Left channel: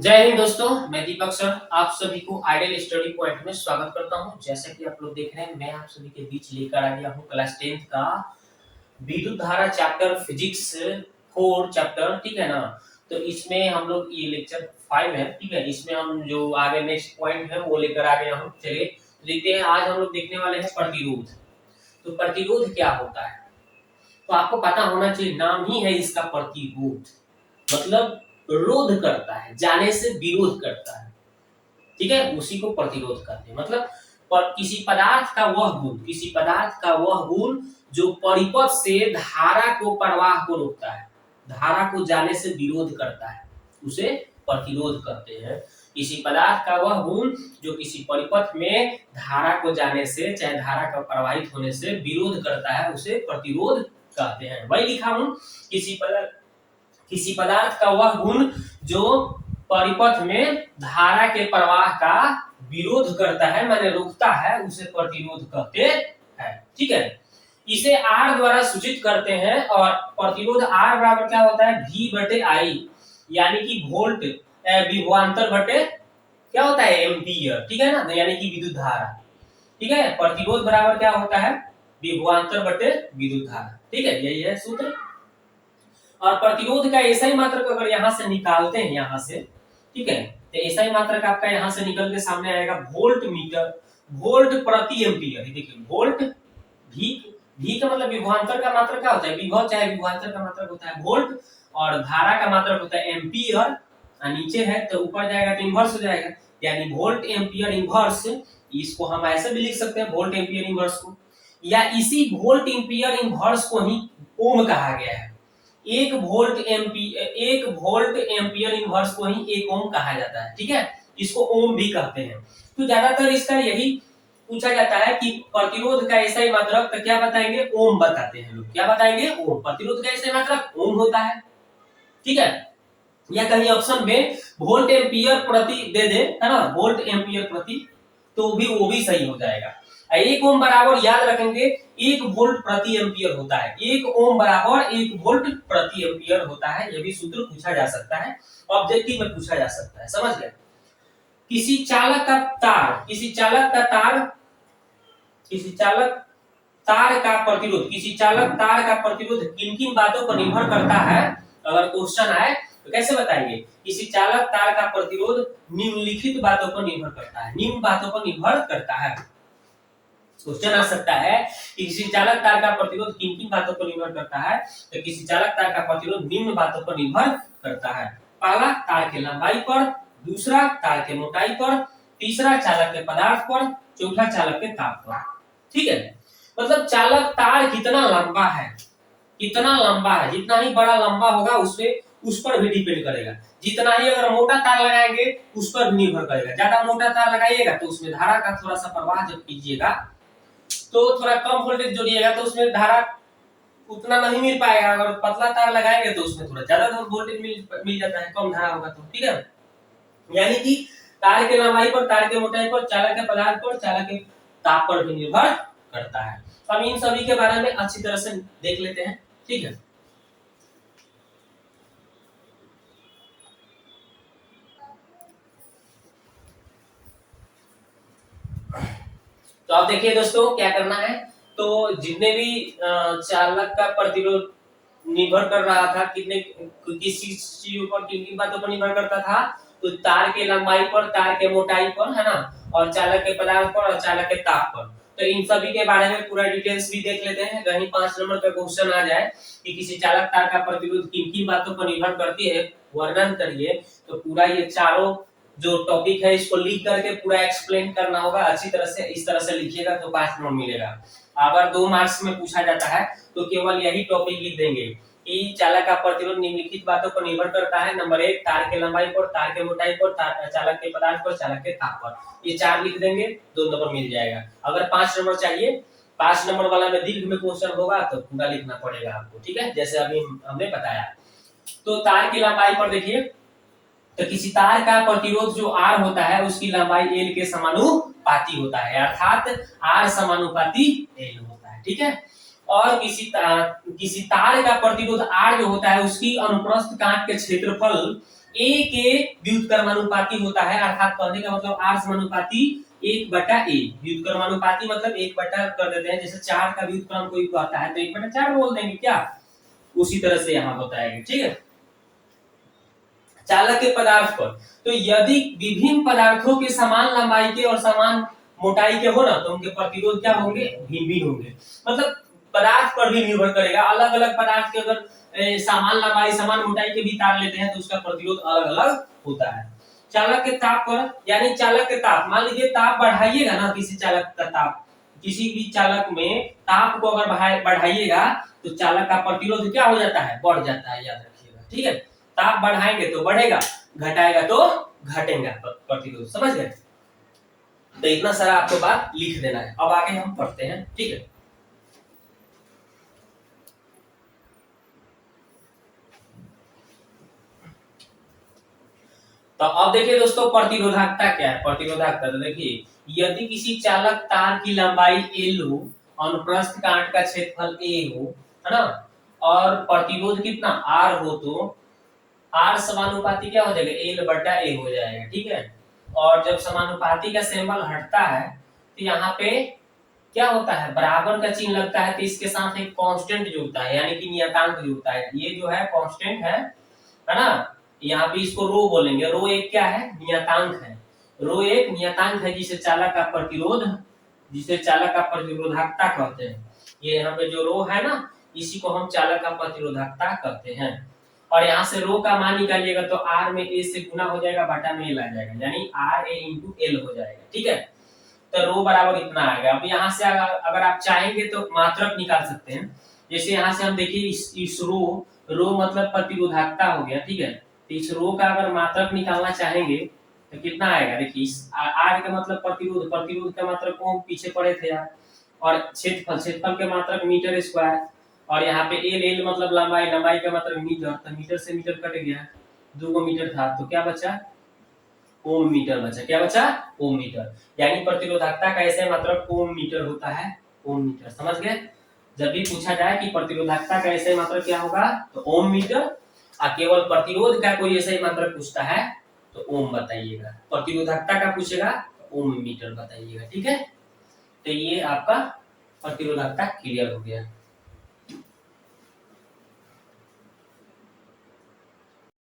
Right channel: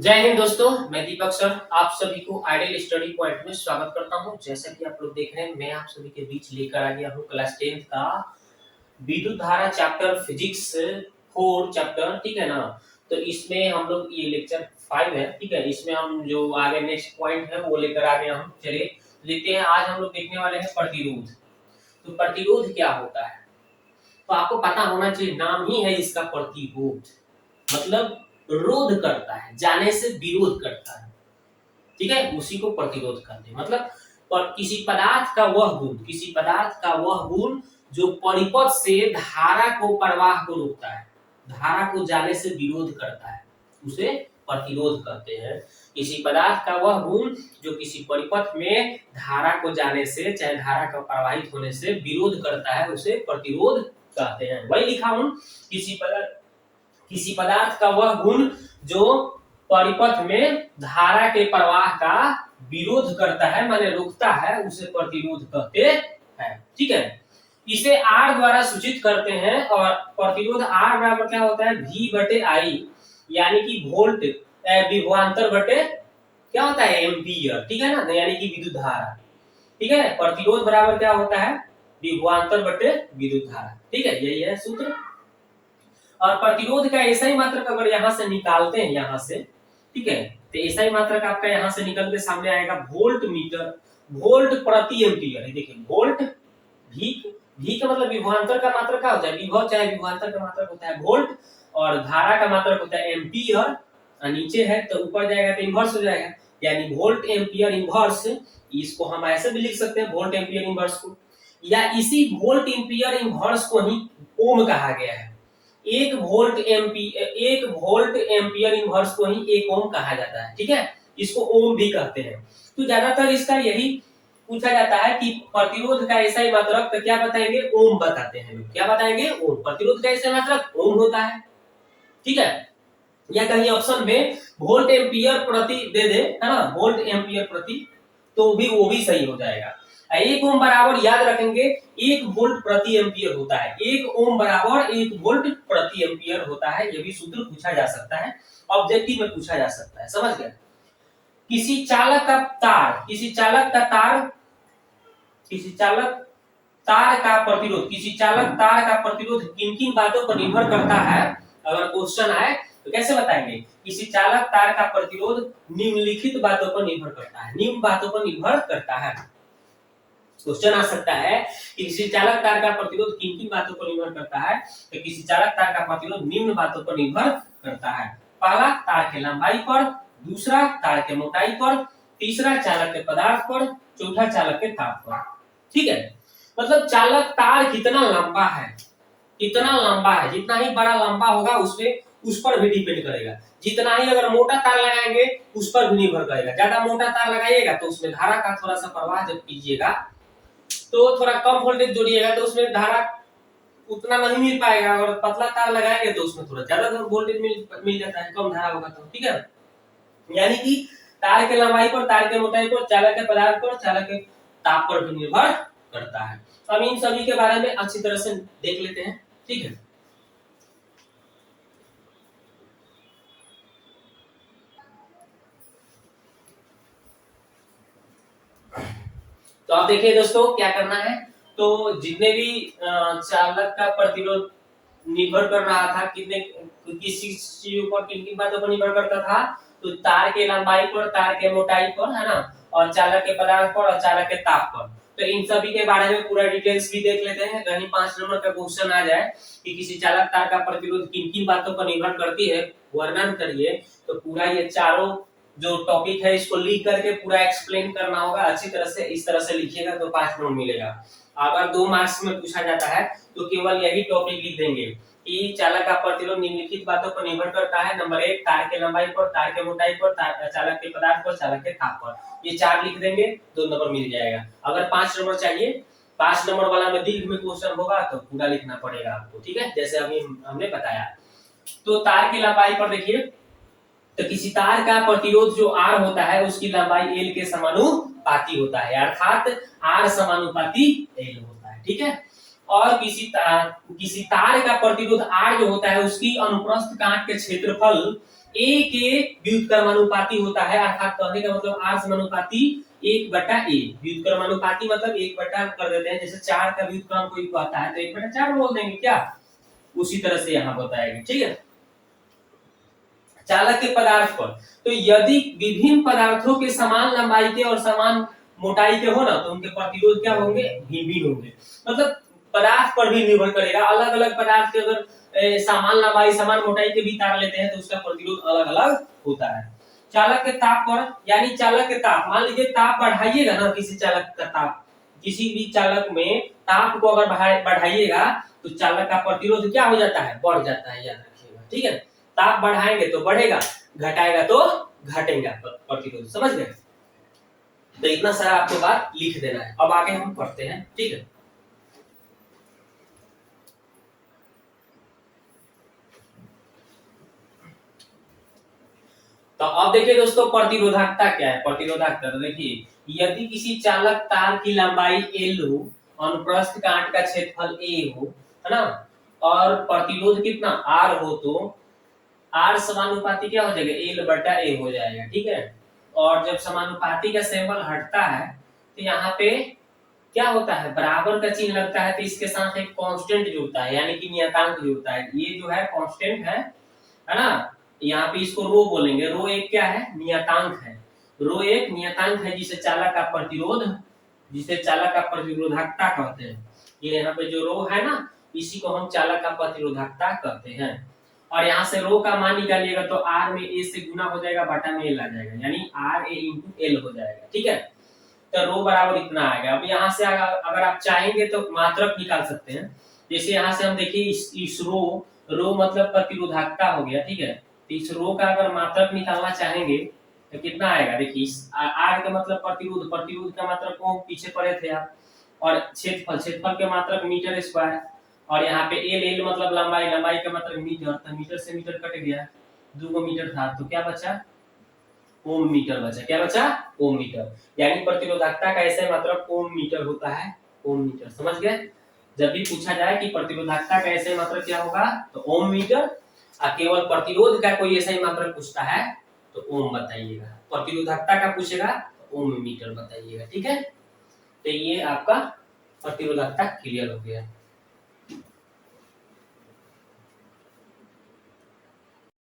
जय हिंद दोस्तों, मैं दीपक सर आप सभी को आइडियल स्टडी पॉइंट में स्वागत करता हूं। जैसा कि आप लोग देख रहे हैं, मैं आप सभी के बीच लेकर आ गया हूं क्लास 10th का विद्युत धारा चैप्टर फिजिक्स 4 चैप्टर, ठीक है ना। तो इसमें हम लोग ये लेक्चर 5 है, ठीक है। इसमें हम जो आगे नेक्स्ट पॉइंट है वो लेकर आ गया हूं। चलिए देखते हैं, आज हम लोग देखने वाले हैं प्रतिरोध। तो प्रतिरोध क्या होता है, तो आपको पता होना चाहिए, नाम ही है इसका प्रतिरोध, मतलब रोध करता है, जाने से विरोध करता है, ठीक है। उसी को प्रतिरोध कहते हैं। मतलब किसी पदार्थ का वह गुण, किसी पदार्थ का वह गुण जो परिपथ से धारा को प्रवाह को रोकता है, धारा को जाने से विरोध करता है, उसे प्रतिरोध कहते हैं। किसी पदार्थ का वह गुण जो किसी परिपथ में धारा को जाने से, चाहे धारा का प्रवाहित होने से विरोध करता है, उसे प्रतिरोध कहते हैं। वही लिखा हूं, किसी पदार्थ का वह गुण जो परिपथ में धारा के प्रवाह का विरोध करता है, माने रोकता है, उसे प्रतिरोध कहते हैं, ठीक है। इसे R द्वारा सूचित करते हैं और प्रतिरोध R बराबर क्या होता है, V बटे I, यानी कि वोल्ट विभवांतर बटे क्या होता है, एम्पियर, ठीक है ना, यानी कि विद्युत धारा, ठीक है। प्रतिरोध बराबर क्या होता है, विभवांतर बटे विद्युत धारा, ठीक है, यही है सूत्र। और प्रतिरोध का ऐसा ही मात्रक अगर यहाँ से निकालते हैं, यहाँ से, ठीक है, तो ऐसा ही मात्रक आपका यहाँ से निकल के सामने आएगा वोल्ट मीटर, वोल्ट प्रति एम्पियर। देखिए वोल्ट, भी का मतलब विभवांतर का मात्रक क्या होता है, विभव चाहे विभवांतर का मात्रक होता है वोल्ट, और धारा का मात्रक होता है एम्पियर। नीचे है तो ऊपर जाएगा तो इन्वर्स हो जाएगा, यानी वोल्ट एम्पियर इन्वर्स। इसको हम ऐसे भी लिख सकते हैं, वोल्ट एम्पियर इन्वर्स को, या इसी वोल्ट एम्पियर इन्वर्स को ही ओम कहा गया है। एक वोल्ट एम्पियर इनवर्स को ही एक ओम कहा जाता है, ठीक है। इसको ओम भी कहते हैं। तो ज्यादातर इसका यही पूछा जाता है कि प्रतिरोध का ऐसा ही मात्रक, तो क्या बताएंगे, ओम बताते हैं लोग। क्या बताएंगे, ओम। प्रतिरोध का ऐसा मात्रक ओम होता है, ठीक है। या कहीं ऑप्शन में वोल्ट एम्पियर प्रति दे दे, है ना, वोल्ट एम्पियर प्रति, तो भी वो भी सही हो जाएगा। एक ओम बराबर याद रखेंगे 1 वोल्ट प्रति एम्पियर होता है। 1 ओम बराबर 1 वोल्ट प्रति एम्पियर होता है। यह भी सूत्र पूछा जा सकता है, ऑब्जेक्टिव में पूछा जा सकता है, समझ गए। किसी चालक का तार, किसी चालक तार का प्रतिरोध किन किन बातों पर निर्भर करता है, अगर क्वेश्चन आए तो कैसे बताएंगे। किसी चालक तार का प्रतिरोध निम्नलिखित बातों पर निर्भर करता है, निम्न बातों पर निर्भर करता है। क्वेश्चन आ सकता है कि किसी चालक तार का प्रतिरोध किन किन बातों पर निर्भर करता है, तो किसी चालक तार का प्रतिरोध निम्न बातों पर निर्भर करता है। पहला, तार की लंबाई पर, दूसरा तार की मोटाई पर, तीसरा चालक के पदार्थ पर, चौथा चालक के ताप पर, ठीक है। मतलब चालक तार कितना लंबा है, जितना ही बड़ा लंबा होगा उस पर भी डिपेंड करेगा। जितना ही अगर मोटा तार लगाएंगे उस पर भी निर्भर करेगा। ज्यादा मोटा तार लगाइएगा तो उसमें धारा का थोड़ा सा प्रवाह जब कीजिएगा तो थोड़ा कम वोल्टेज जोड़िएगा तो उसमें धारा उतना नहीं मिल पाएगा। अगर पतला तार लगाएंगे तो उसमें थोड़ा ज्यादा वोल्टेज मिल जाता है, कम धारा होगा तो, ठीक है। यानी कि तार के लंबाई पर, तार के मोटाई पर, चालक के पदार्थ पर, चालक के ताप पर भी निर्भर करता है। हम इन सभी के बारे में अच्छी तरह से देख लेते हैं, ठीक है। तो आप देखिए दोस्तों, क्या करना है, तो जितने भी चालक का प्रतिरोध निर्भर कर रहा था, किस चीजों पर, किन किन बातों पर निर्भर करता था, तो तार के लंबाई पर, तार के मोटाई पर, है ना, और चालक के पदार्थ पर, और चालक के ताप पर। तो इन सभी के बारे में पूरा डिटेल्स भी देख लेते हैं। कहीं 5 नंबर का क्वेश्चन आ जाए कि किसी चालक तार का प्रतिरोध किन किन बातों पर निर्भर करती है, वर्णन करिए, तो पूरा ये चारों जो टॉपिक है इसको लिख करके पूरा एक्सप्लेन करना होगा अच्छी तरह से। इस तरह से लिखिएगा तो 5 नंबर मिलेगा। अगर 2 मार्क्स में पूछा जाता है तो केवल यही टॉपिक लिख देंगे कि चालक का प्रतिरोध निम्नलिखित बातों पर निर्भर करता है। नंबर 1, तार के लंबाई पर, तार के मोटाई पर, चालक के पदार्थ पर, चालक के ताप पर। ये 4 लिख देंगे, 2 नंबर मिल जाएगा। अगर 5 नंबर चाहिए, 5 नंबर वाला में दीर्घ में क्वेश्चन होगा तो पूरा लिखना पड़ेगा आपको, ठीक है, जैसे अभी हमने बताया। तो तार की लंबाई पर देखिए, तो किसी तार का प्रतिरोध जो R होता है उसकी लंबाई L के समानुपाती होता है, अर्थात R समानुपाती L होता है, ठीक है। और किसी तार का प्रतिरोध R जो होता है उसकी अनुप्रस्थ काट के क्षेत्रफल ए के व्युत्क्रमानुपाती होता है, अर्थात कहने का मतलब आर समानुपाती 1/a। व्युत्क्रमानुपाती मतलब 1/, कर देते हैं, जैसे 4 का व्युत्क्रम कोई आता है तो 1/4 बोल देंगे क्या, उसी तरह से यहाँ बताएंगे। ठीक है, चालक के पदार्थ पर, तो यदि विभिन्न पदार्थों के समान लंबाई के और समान मोटाई के हो ना, तो उनके प्रतिरोध क्या होंगे, भिन्न भिन्न होंगे। मतलब पदार्थ पर भी निर्भर करेगा, अलग अलग पदार्थ के अगर समान लंबाई समान मोटाई के भी तार लेते हैं तो उसका प्रतिरोध अलग अलग होता है। चालक के ताप पर, यानी चालक के ताप, मान लीजिए ताप बढ़ाइएगा ना, किसी चालक का ताप, किसी भी चालक में ताप को अगर बढ़ाइएगा तो चालक का प्रतिरोध क्या हो जाता है, बढ़ जाता है, याद रखिएगा। ठीक है, ताप बढ़ाएंगे तो बढ़ेगा, घटाएगा तो घटेगा प्रतिरोध, समझ गए। तो इतना सारा आपको बात लिख देना है। अब आगे हम पढ़ते हैं। ठीक है, तो अब देखिए दोस्तों, प्रतिरोधकता क्या है। प्रतिरोधकता तो देखिए, यदि किसी चालक तार की लंबाई L हो, अनुप्रस्थ काट का क्षेत्रफल A हो, है ना, और प्रतिरोध कितना R हो, तो R समानुपाती क्या हो जाएगा, L/A हो जाएगा। ठीक है, और जब समानुपाती का सिंबल हटता है तो यहाँ पे क्या होता है, बराबर का चिन्ह लगता है, तो इसके साथ एक कांस्टेंट जुड़ता है, यानी कि नियतांक जुड़ता है। ये जो है कांस्टेंट है ना, यहाँ पे इसको रो बोलेंगे। रो एक क्या है, नियतांक है। रो एक नियतांक है जिसे चालक का प्रतिरोध, जिसे चालक का प्रतिरोधकता कहते हैं। ये यहाँ पे जो रो है ना, इसी को हम चालक का प्रतिरोधकता कहते हैं। और यहाँ से रो का मान निकालिएगा तो आर में ए से गुना हो जाएगा, बटा में एल आ जाएगा, यानी आर ए इंटू एल हो जाएगा। ठीक है, तो रो बराबर इतना आएगा। अब यहाँ से अगर आप चाहेंगे तो मात्रक निकाल सकते हैं। जैसे यहाँ से हम देखिए, इस रो मतलब प्रतिरोधकता हो गया। ठीक है, तो इस रो का अगर मात्रक निकालना चाहेंगे तो कितना आएगा, देखिए आर का मतलब प्रतिरोध, प्रतिरोध का मात्रक को पीछे पड़े थे आप, और क्षेत्रफल, क्षेत्रफल के मात्रक मीटर स्क्वायर, और यहाँ पे एल, एल मतलब लंबाई, लंबाई का मात्रक मीटर, तो मीटर से मीटर कट गया, 2 मीटर था तो क्या बचा, ओम मीटर बचा। क्या बचा, ओम मीटर। यानी प्रतिरोधकता का ऐसे मात्रक ओम मीटर होता है, ओम मीटर, समझ गए। जब भी पूछा जाए कि प्रतिरोधकता का ऐसे मात्रक क्या होगा तो ओम मीटर, और केवल प्रतिरोध का कोई ऐसा ही मात्रक पूछता है तो ओम बताइएगा। प्रतिरोधकता का पूछेगा तो ओम मीटर बताइएगा। ठीक है, तो ये आपका प्रतिरोधकता क्लियर हो गया।